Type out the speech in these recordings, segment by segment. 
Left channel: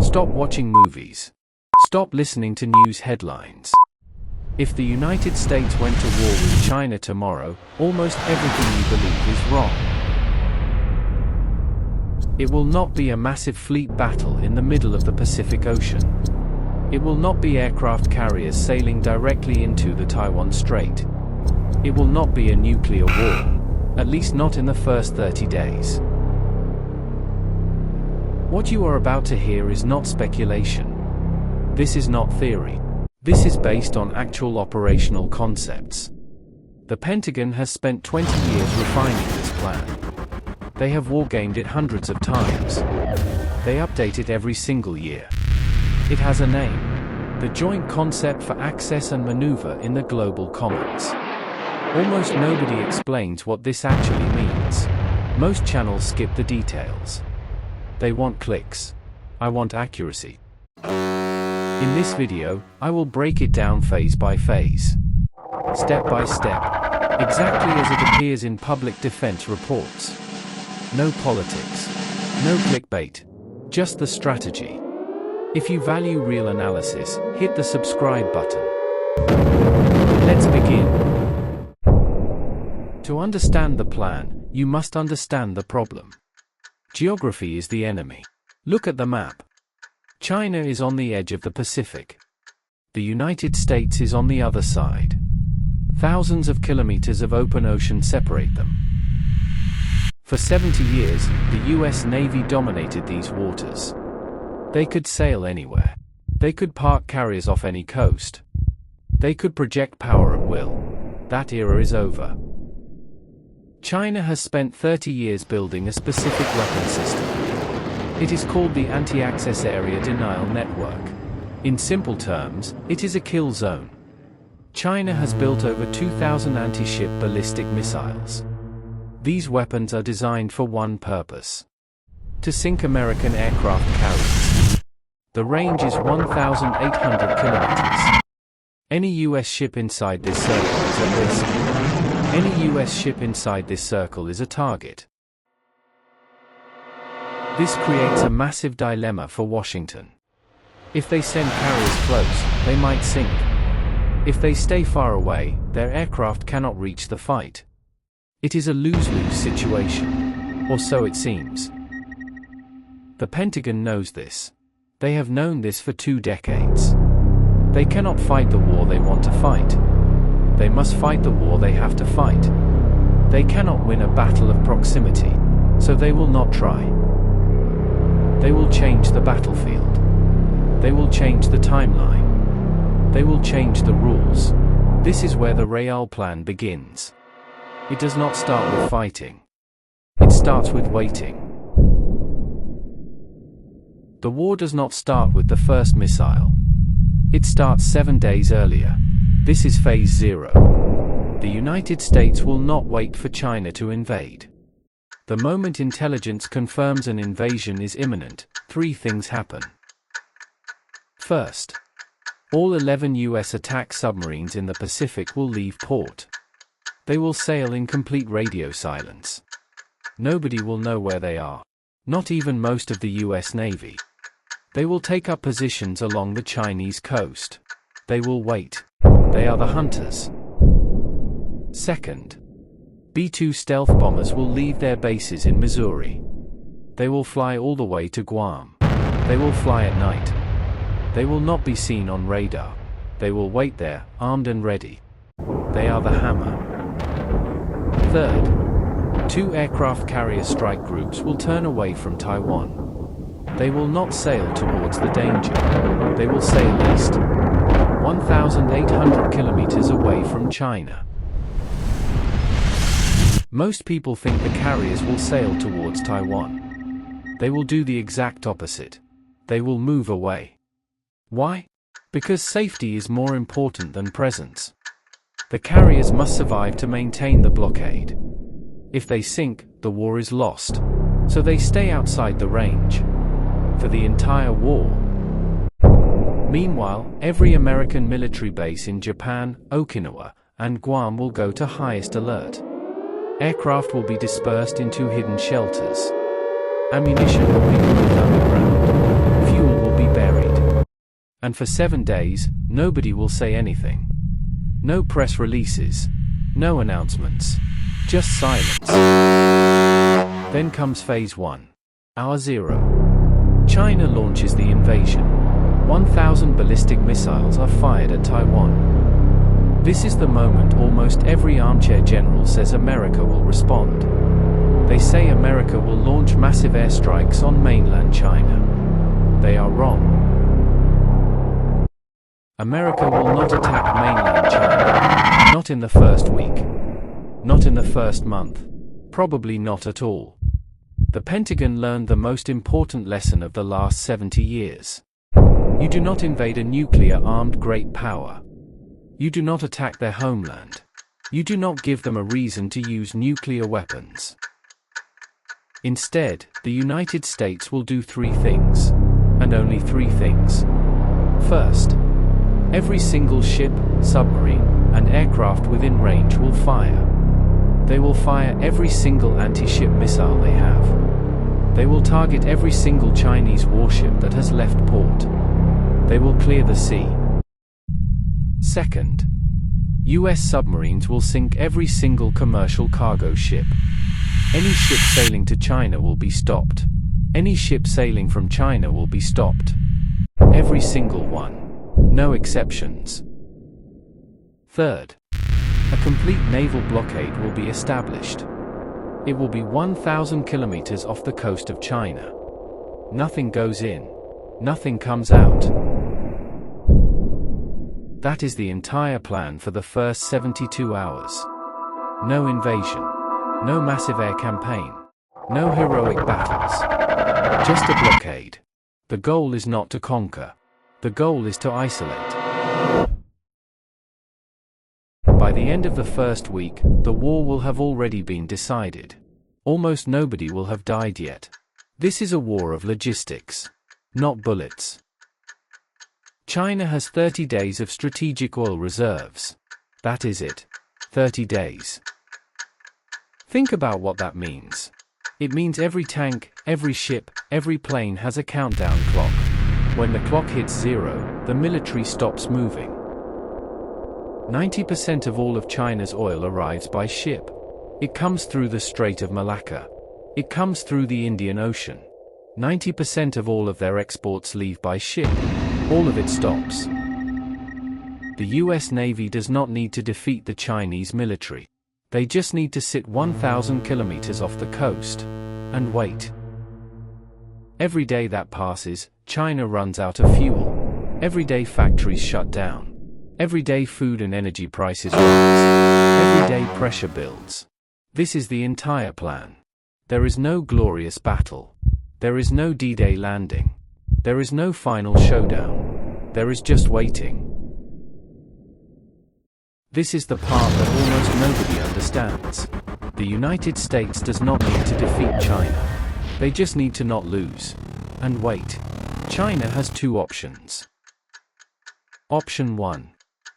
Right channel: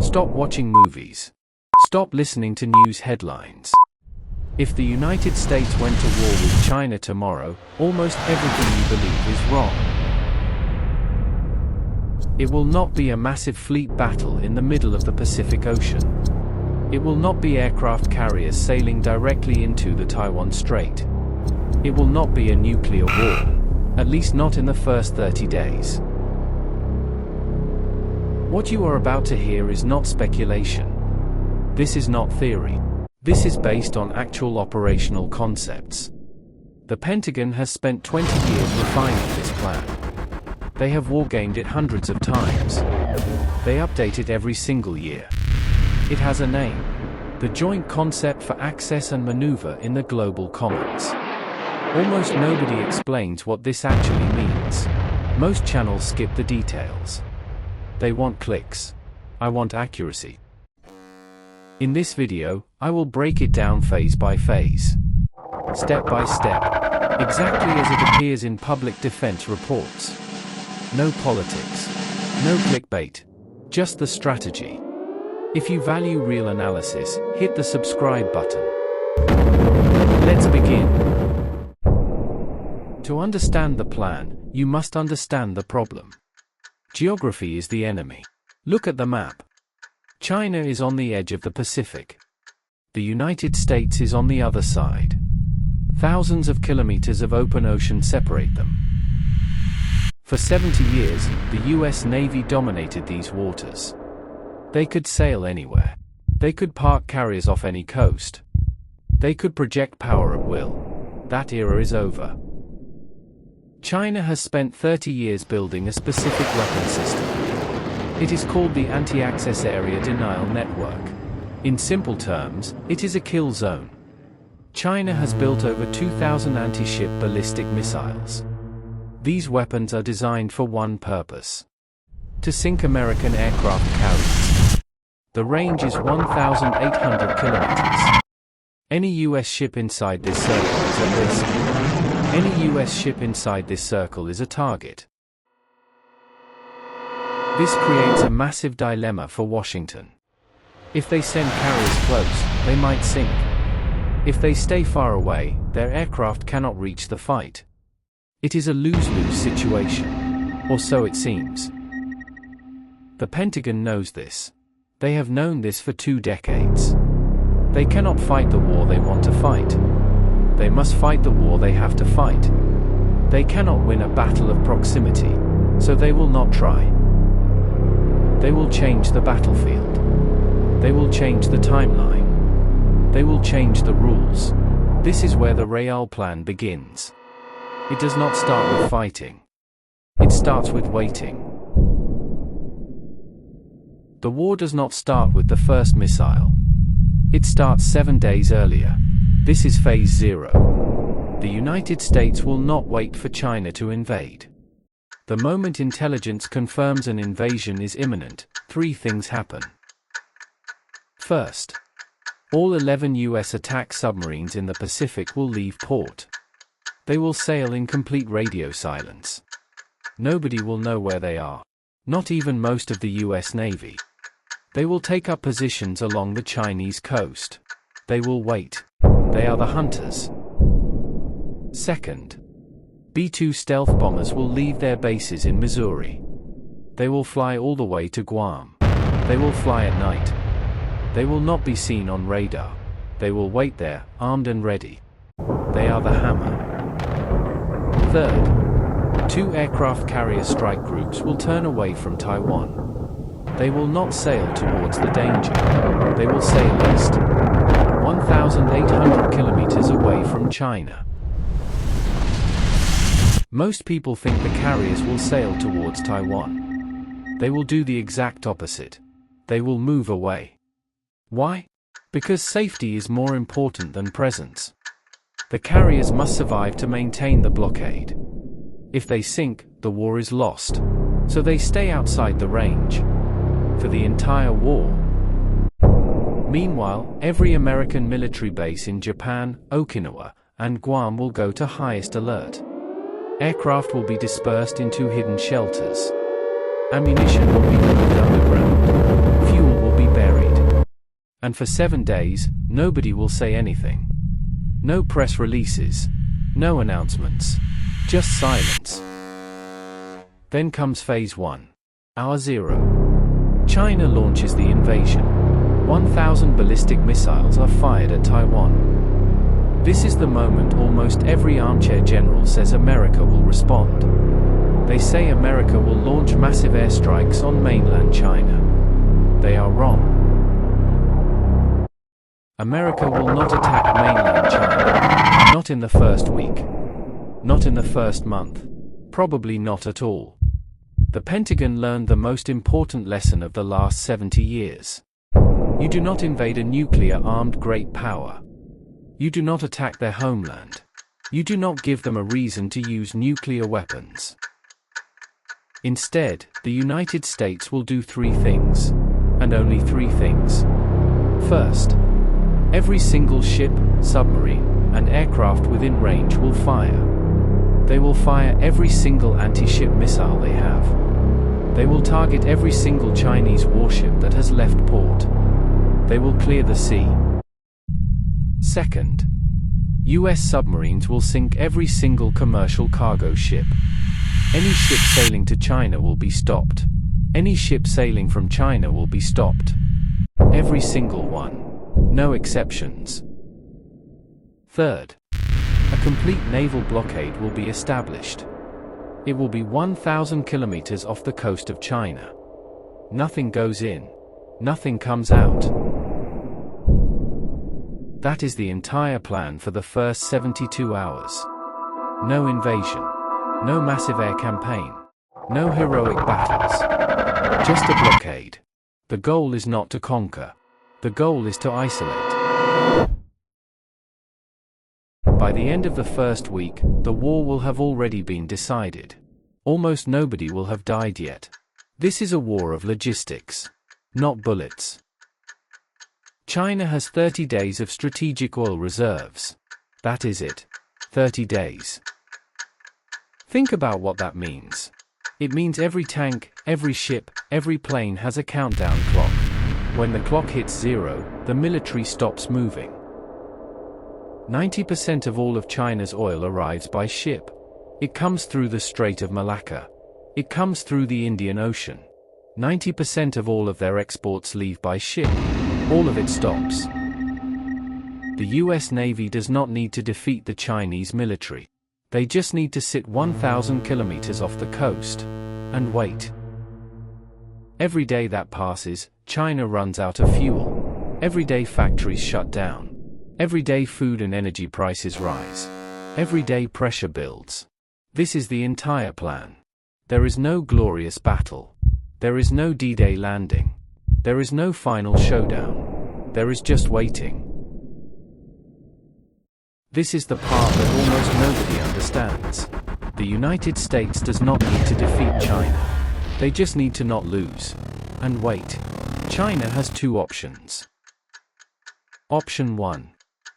Stop watching movies. Stop listening to news headlines. If the United States went to war with China tomorrow, almost everything you believe is wrong. It will not be a massive fleet battle in the middle of the Pacific Ocean. It will not be aircraft carriers sailing directly into the Taiwan Strait. It will not be a nuclear war, at least not in the first 30 days. What you are about to hear is not speculation. This is not theory. This is based on actual operational concepts. The Pentagon has spent 20 years refining this plan. They have wargamed it hundreds of times. They update it every single year. It has a name: the Joint Concept for Access and Maneuver in the Global Commons. Almost nobody explains what this actually means. Most channels skip the details. They want clicks. I want accuracy. In this video, I will break it down phase by phase, step by step, exactly as it appears in public defense reports. No politics, no clickbait, just the strategy. If you value real analysis, hit the subscribe button. Let's begin. To understand the plan, you must understand the problem. Geography is the enemy. Look at the map. China is on the edge of the Pacific. The United States is on the other side. Thousands of kilometers of open ocean separate them. For 70 years, the US Navy dominated these waters. They could sail anywhere. They could park carriers off any coast. They could project power at will. That era is over. China has spent 30 years building a specific weapon system. It is called the Anti-Access Area Denial Network. In simple terms, it is a kill zone. China has built over 2,000 anti-ship ballistic missiles. These weapons are designed for one purpose: to sink American aircraft carriers. The range is 1,800 kilometers. Any US ship inside this circle is at risk. Any US ship inside this circle is a target. This creates a massive dilemma for Washington. If they send carriers close, they might sink. If they stay far away, their aircraft cannot reach the fight. It is a lose-lose situation. Or so it seems. The Pentagon knows this. They have known this for 2 decades. They cannot fight the war they want to fight. They must fight the war they have to fight. They cannot win a battle of proximity, so they will not try. They will change the battlefield. They will change the timeline. They will change the rules. This is where the real plan begins. It does not start with fighting. It starts with waiting. The war does not start with the first missile. It starts 7 days earlier. This is phase 0. The United States will not wait for China to invade. The moment intelligence confirms an invasion is imminent, 3 things happen. First, all 11 US attack submarines in the Pacific will leave port. They will sail in complete radio silence. Nobody will know where they are. Not even most of the US Navy. They will take up positions along the Chinese coast. They will wait. They are the hunters. Second, B-2 stealth bombers will leave their bases in Missouri. They will fly all the way to Guam. They will fly at night. They will not be seen on radar. They will wait there, armed and ready. They are the hammer. Third, 2 aircraft carrier strike groups will turn away from Taiwan. They will not sail towards the danger. They will sail east, 1,800 kilometers away from China. Most people think the carriers will sail towards Taiwan. They will do the exact opposite. They will move away. Why? Because safety is more important than presence. The carriers must survive to maintain the blockade. If they sink, the war is lost. So they stay outside the range. For the entire war. Meanwhile, every American military base in Japan, Okinawa, and Guam will go to highest alert. Aircraft will be dispersed into hidden shelters. Ammunition will be moved underground. Fuel will And for 7 days, nobody will say anything. No press releases. No announcements. Just silence. Then comes Phase 1. Hour 0. China launches the invasion. 1,000 ballistic missiles are fired at Taiwan. This is the moment almost every armchair general says America will respond. They say America will launch massive airstrikes on mainland China. They are wrong. America will not attack mainland China. Not in the first week. Not in the first month. Probably not at all. The Pentagon learned the most important lesson of the last 70 years. You do not invade a nuclear-armed great power. You do not attack their homeland. You do not give them a reason to use nuclear weapons. Instead, the United States will do 3 things. And only 3 things. First, every single ship, submarine, and aircraft within range will fire. They will fire every single anti-ship missile they have. They will target every single Chinese warship that has left port. They will clear the sea. Second, US submarines will sink every single commercial cargo ship. Any ship sailing to China will be stopped. Any ship sailing from China will be stopped. Every single one. No exceptions. Third, a complete naval blockade will be established. It will be 1,000 kilometers off the coast of China. Nothing goes in. Nothing comes out. That is the entire plan for the first 72 hours. No invasion. No massive air campaign. No heroic battles. Just a blockade. The goal is not to conquer. The goal is to isolate. By the end of the first week, the war will have already been decided. Almost nobody will have died yet. This is a war of logistics, not bullets. China has 30 days of strategic oil reserves. That is it. 30 days. Think about what that means. It means every tank, every ship, every plane has a countdown clock. When the clock hits 0, the military stops moving. 90% of all of China's oil arrives by ship. It comes through the Strait of Malacca. It comes through the Indian Ocean. 90% of all of their exports leave by ship. All of it stops. The US Navy does not need to defeat the Chinese military. They just need to sit 1,000 kilometers off the coast and wait. Every day that passes, China runs out of fuel. Every day factories shut down. Every day food and energy prices rise. Every day pressure builds. This is the entire plan. There is no glorious battle. There is no D-Day landing. There is no final showdown. There is just waiting. This is the part that almost nobody understands. The United States does not need to defeat China. They just need to not lose. And wait. China has 2 options. Option 1.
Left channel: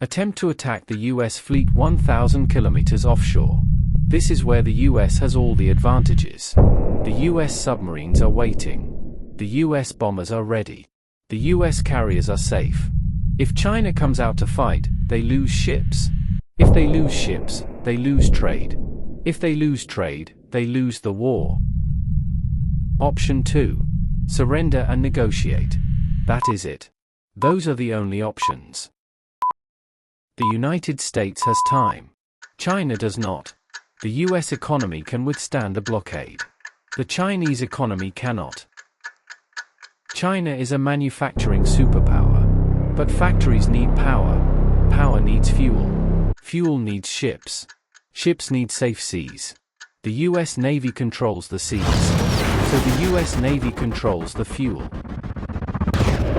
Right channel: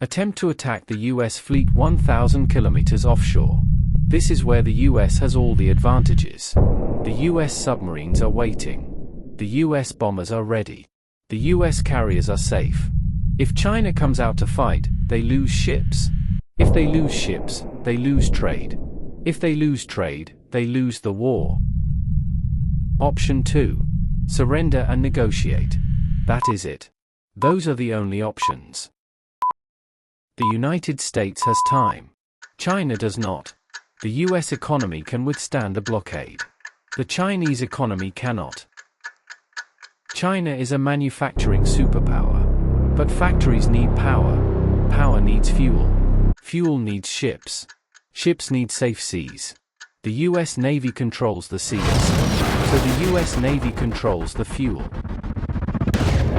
Attempt to attack the US fleet 1,000 kilometers offshore. This is where the US has all the advantages. The US submarines are waiting. The US bombers are ready. The US carriers are safe. If China comes out to fight, they lose ships. If they lose ships, they lose trade. If they lose trade, they lose the war. Option 2. Surrender and negotiate. That is it. Those are the only options. The United States has time. China does not. The US economy can withstand a blockade. The Chinese economy cannot. China is a manufacturing superpower. But factories need power. Power needs fuel. Fuel needs ships. Ships need safe seas. The US Navy controls the seas. So the US Navy controls the fuel.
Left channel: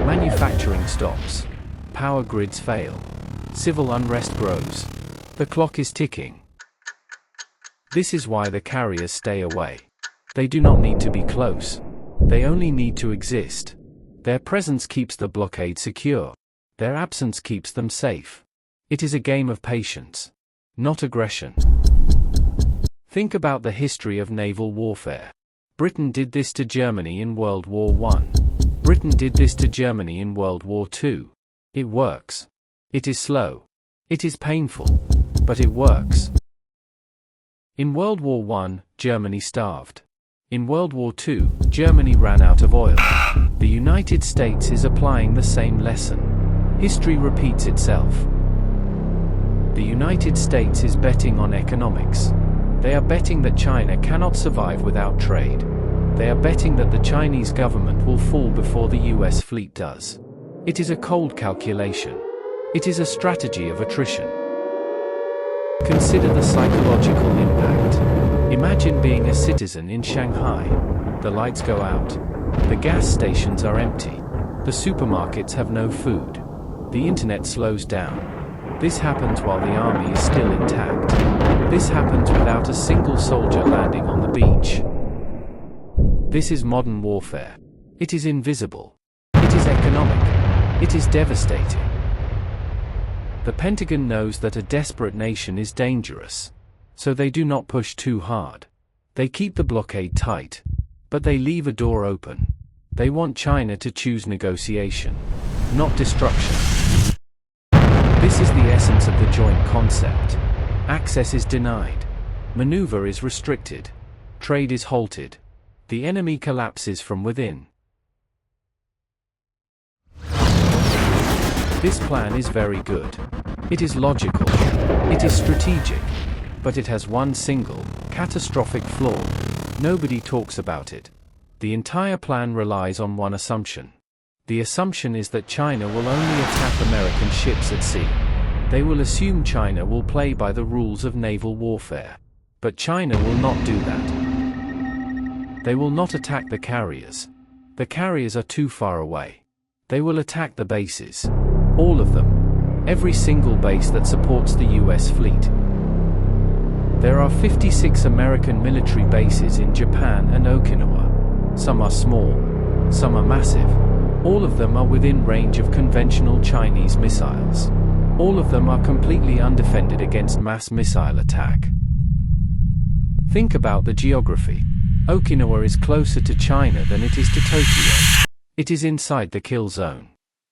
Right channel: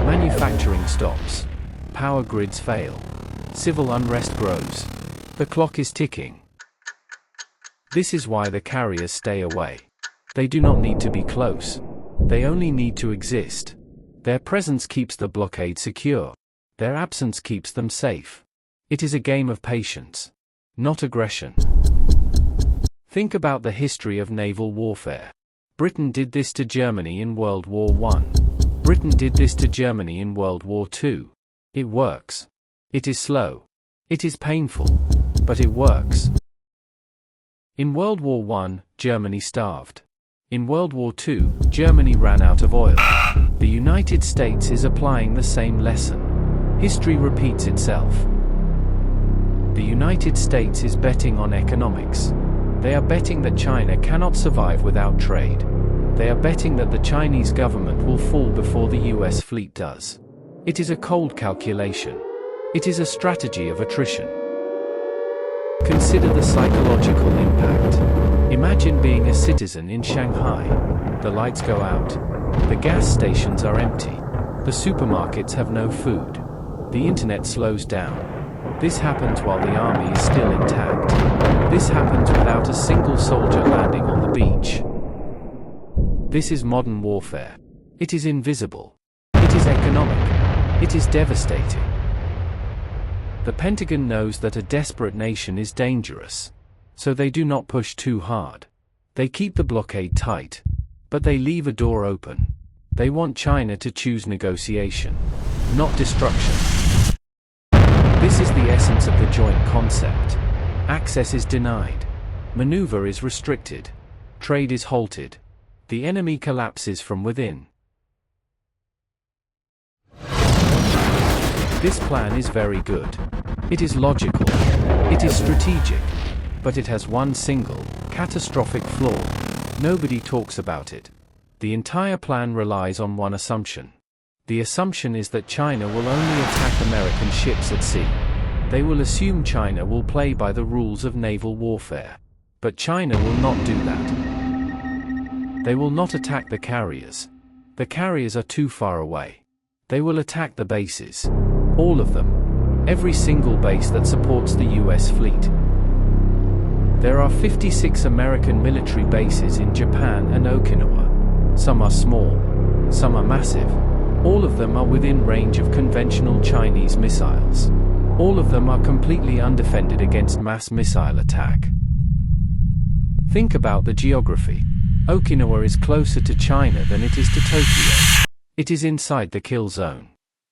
Manufacturing stops. Power grids fail. Civil unrest grows. The clock is ticking. This is why the carriers stay away. They do not need to be close. They only need to exist. Their presence keeps the blockade secure. Their absence keeps them safe. It is a game of patience, not aggression. Think about the history of naval warfare. Britain did this to Germany in World War I. Britain did this to Germany in World War II. It works. It is slow. It is painful. But it works. In World War I, Germany starved. In World War II, Germany ran out of oil. The United States is applying the same lesson. History repeats itself. The United States is betting on economics. They are betting that China cannot survive without trade. They are betting that the Chinese government will fall before the US fleet does. It is a cold calculation. It is a strategy of attrition. Consider the psychological impact. Imagine being a citizen in Shanghai. The lights go out. The gas stations are empty. The supermarkets have no food. The internet slows down. This happens while the army is still intact. This happens without a single soldier landing on the beach. This is modern warfare. It is invisible. It is economic. It is devastating. The Pentagon knows that a desperate nation is dangerous. So they do not push too hard. They keep the blockade tight. But they leave a door open. They want China to choose negotiation, not destruction. This is the essence of the joint concept. Access is denied. Maneuver is restricted. Trade is halted. The enemy collapses from within. This plan is very good. It is logical. It is strategic. But it has one single, catastrophic flaw. Nobody talks about it. The entire plan relies on one assumption. The assumption is that China will only attack American ships at sea. They will assume China will play by the rules of naval warfare. But China will not do that. They will not attack the carriers. The carriers are too far away. They will attack the bases. All of them. Every single base that supports the US fleet. There are 56 American military bases in Japan and Okinawa. Some are small. Some are massive. All of them are within range of conventional Chinese missiles. All of them are completely undefended against mass missile attack. Think about the geography. Okinawa is closer to China than it is to Tokyo. It is inside the kill zone.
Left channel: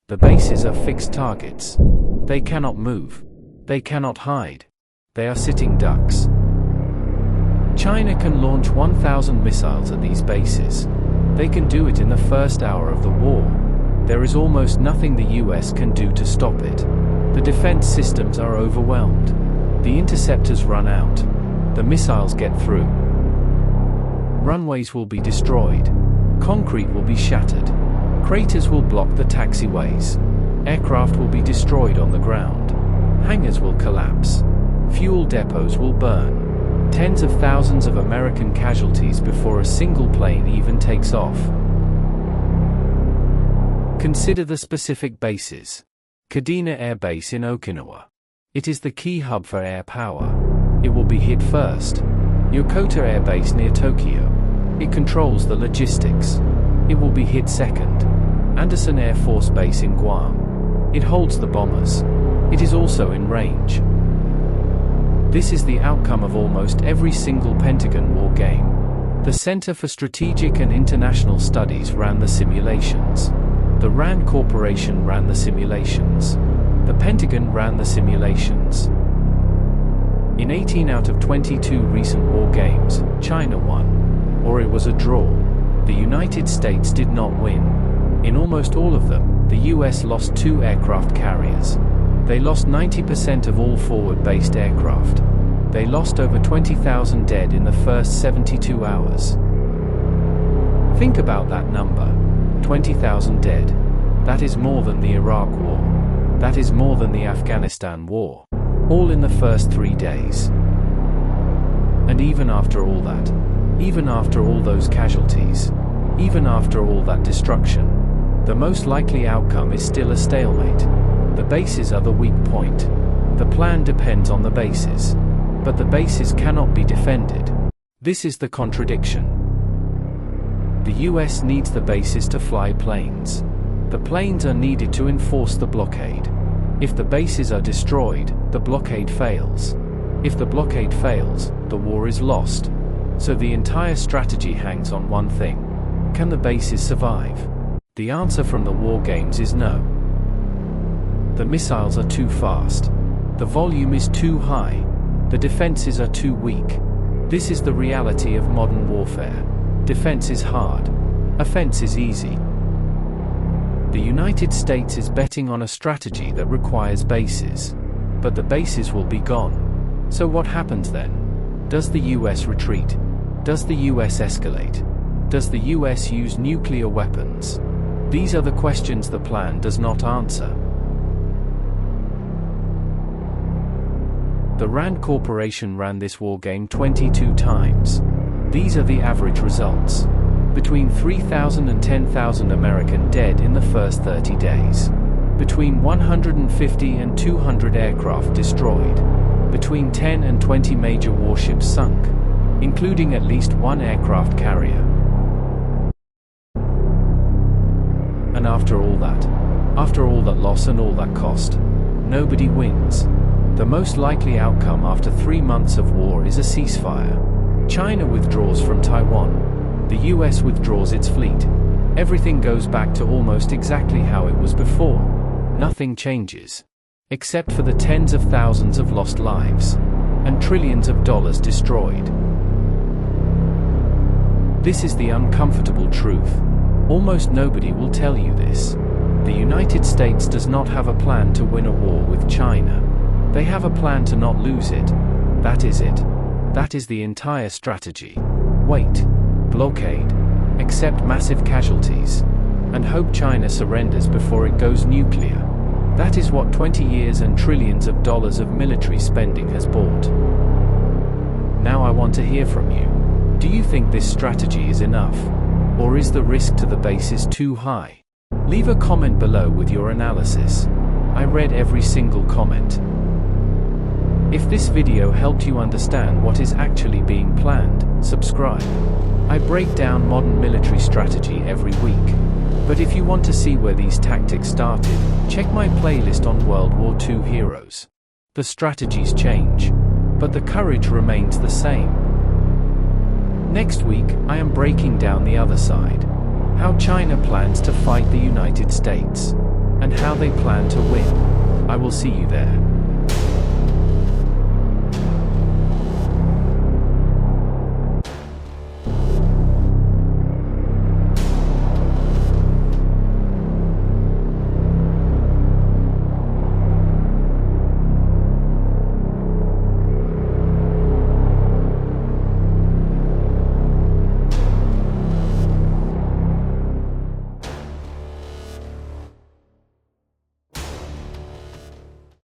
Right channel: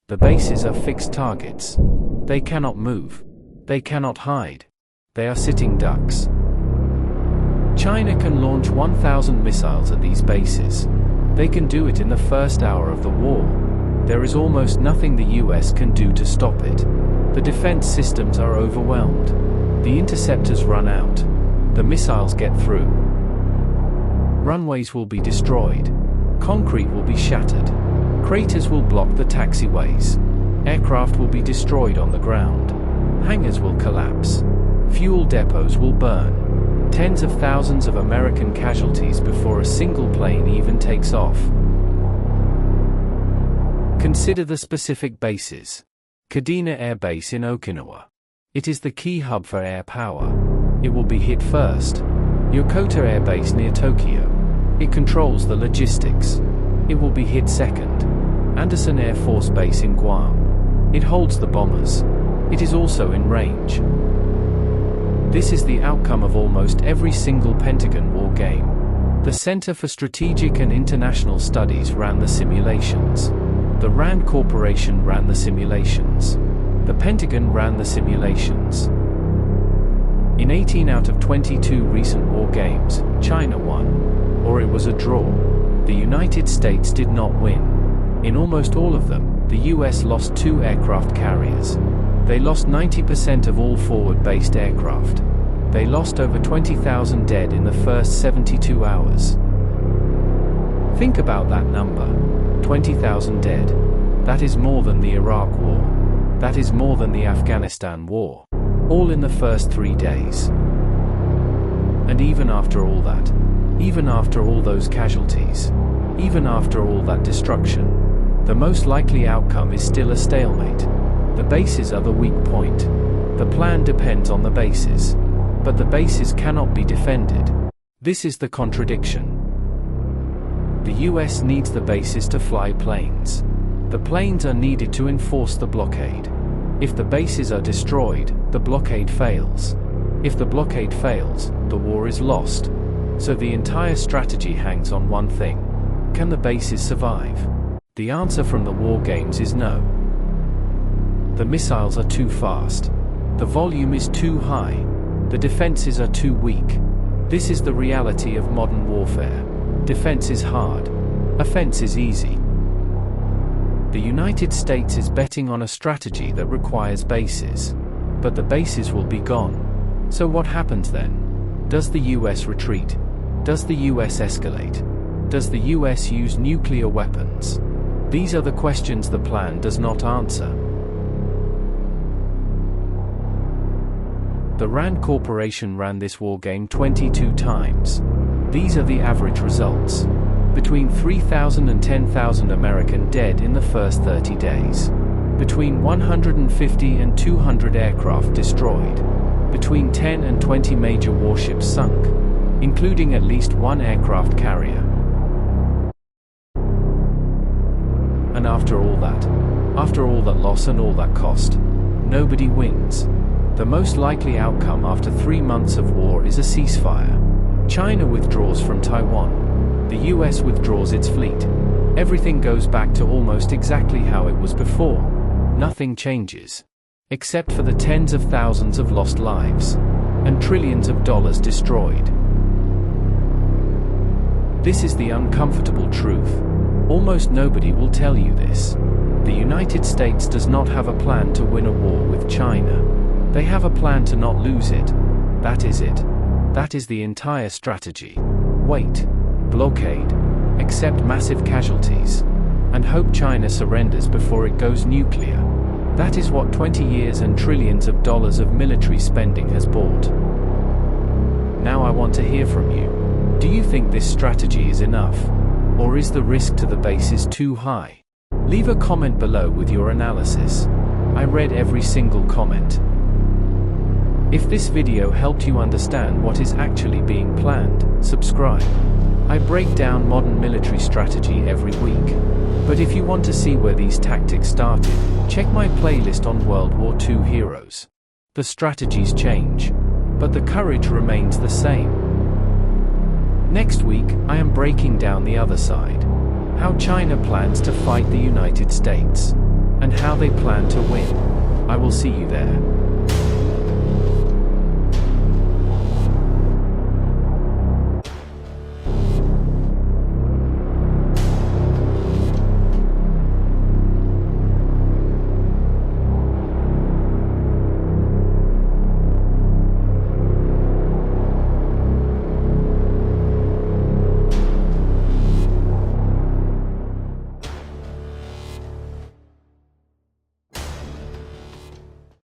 The bases are fixed targets. They cannot move. They cannot hide. They are sitting ducks. China can launch 1,000 missiles at these bases. They can do it in the first hour of the war. There is almost nothing the US can do to stop it. The defense systems are overwhelmed. The interceptors run out. The missiles get through. Runways will be destroyed. Concrete will be shattered. Craters will block the taxiways. Aircraft will be destroyed on the ground. Hangars will collapse. Fuel depots will burn. Tens of thousands of American casualties before a single plane even takes off. Consider the specific bases. Kadena Air Base in Okinawa. It is the key hub for air power. It will be hit first. Yokota Air Base near Tokyo. It controls the logistics. It will be hit second. Andersen Air Force Base in Guam. It holds the bombers. It is also in range. This is the outcome of almost every single Pentagon war game. The Center for Strategic and International Studies ran the simulations. The RAND Corporation ran the simulations. The Pentagon ran the simulations. In 18 out of 22 recent war games, China won. Or it was a draw. The United States did not win. In almost all of them, the US lost 2 aircraft carriers. They lost 90% of all forward-based aircraft. They lost over 20,000 dead in the first 72 hours. Think about that number. 20,000 dead. That is more than the Iraq War. That is more than the Afghanistan War. All in the first 3 days. And even after all that, even after all those casualties, even after all that destruction, the most likely outcome is still a stalemate. The bases are the weak point. The plan depends on the bases. But the bases cannot be defended. This is the contradiction. The US needs the bases to fly planes. The planes are needed to enforce the blockade. If the bases are destroyed, the blockade fails. If the blockade fails, the war is lost. So the entire strategy hangs on one thing. Can the bases survive? The answer from the war games is no. The missiles are too fast. The volume is too high. The defenses are too weak. This is the reality of modern warfare. Defense is hard. Offense is easy. The United States is betting on a strategy that requires bases. But the bases will be gone. So what happens then? Does the US retreat? Does the US escalate? Does the US use nuclear weapons? These are the questions the plan does not answer. The RAND Corporation ran this war game 22 times. These are the average results. Between 3,000 and 10,000 American dead in the first 30 days. Between 150 and 200 aircraft destroyed. Between 10 and 20 major warships sunk, including at least one aircraft carrier. And after all that loss and all that cost, nobody wins. The most likely outcome after 3 months of war is a ceasefire. China withdraws from Taiwan. The US withdraws its fleet. Everything goes back to almost exactly how it was before. Nothing changes. Except for the tens of thousands of lost lives. And trillions of dollars destroyed. This is the uncomfortable truth. Almost nobody will tell you this. The United States does not have a plan to win a war with China. They have a plan to not lose it. That is it. That is the entire strategy. Wait. Blockade. Accept massive casualties. And hope China surrenders before it goes nuclear. That is what 20 years and trillions of dollars of military spending has bought. Now I want to hear from you. Do you think this strategy is enough? Or is the risk to the bases too high? Leave a comment below with your analysis. I read every single comment. If this video helped you understand what is actually being planned, subscribe. I break down modern military strategy every week. But if you want to see where these tactics started, check my playlist on World War II heroes. The strategies change, but the courage remains the same. Next week, I am breaking down the other side. How China plans to fight the United States. And how they plan to win. I will see you there.